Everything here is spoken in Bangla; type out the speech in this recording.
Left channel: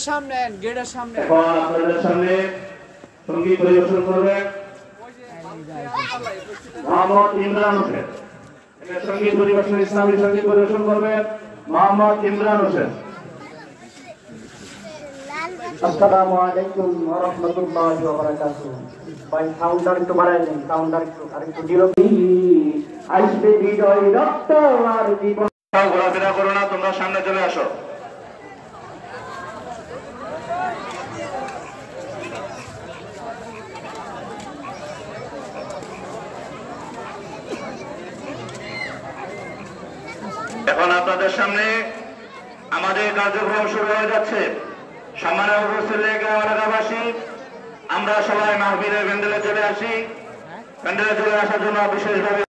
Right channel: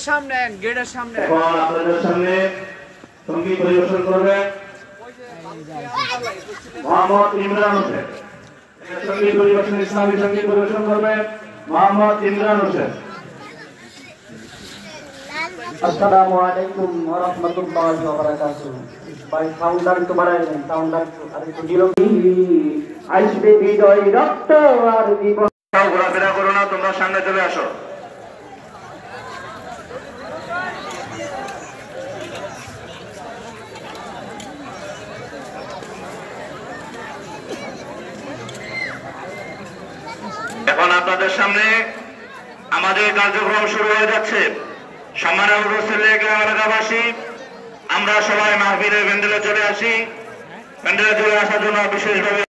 গেটের সামনে গেটের সামনে আপনাদের সামনে সঙ্গীত পরিবেশন করবেন মোহাম্মদ ইমরান হোসেন। সঙ্গীত পরিবেশন ইসলামী সঙ্গীত পরিবেশন করবেন মোহাম্মদ ইমরান হোসেন। আসসালামু আলাইকুম ওয়া রাহমাতুল্লাহি ওয়া বারাকাতুহু। ভাই সাউন্ডার একটু বাড়ায় দেন, সাউন্ডার একটু আর একটু দিল আসবে হৃদয় রক্ত আর জীবন। ঘোরাফেরা করো না, তোমরা সামনে চলে আসো। এখন আপনাদের সামনে আমাদের কার্যক্রম শুরু হয়ে যাচ্ছে। সম্মানের উপস্থিত এলাকাবাসী, আমরা সবাই মাহফিলের প্যান্ডেলে চলে আসি। প্যান্ডেলে চলে আসার জন্য বিশেষভাবে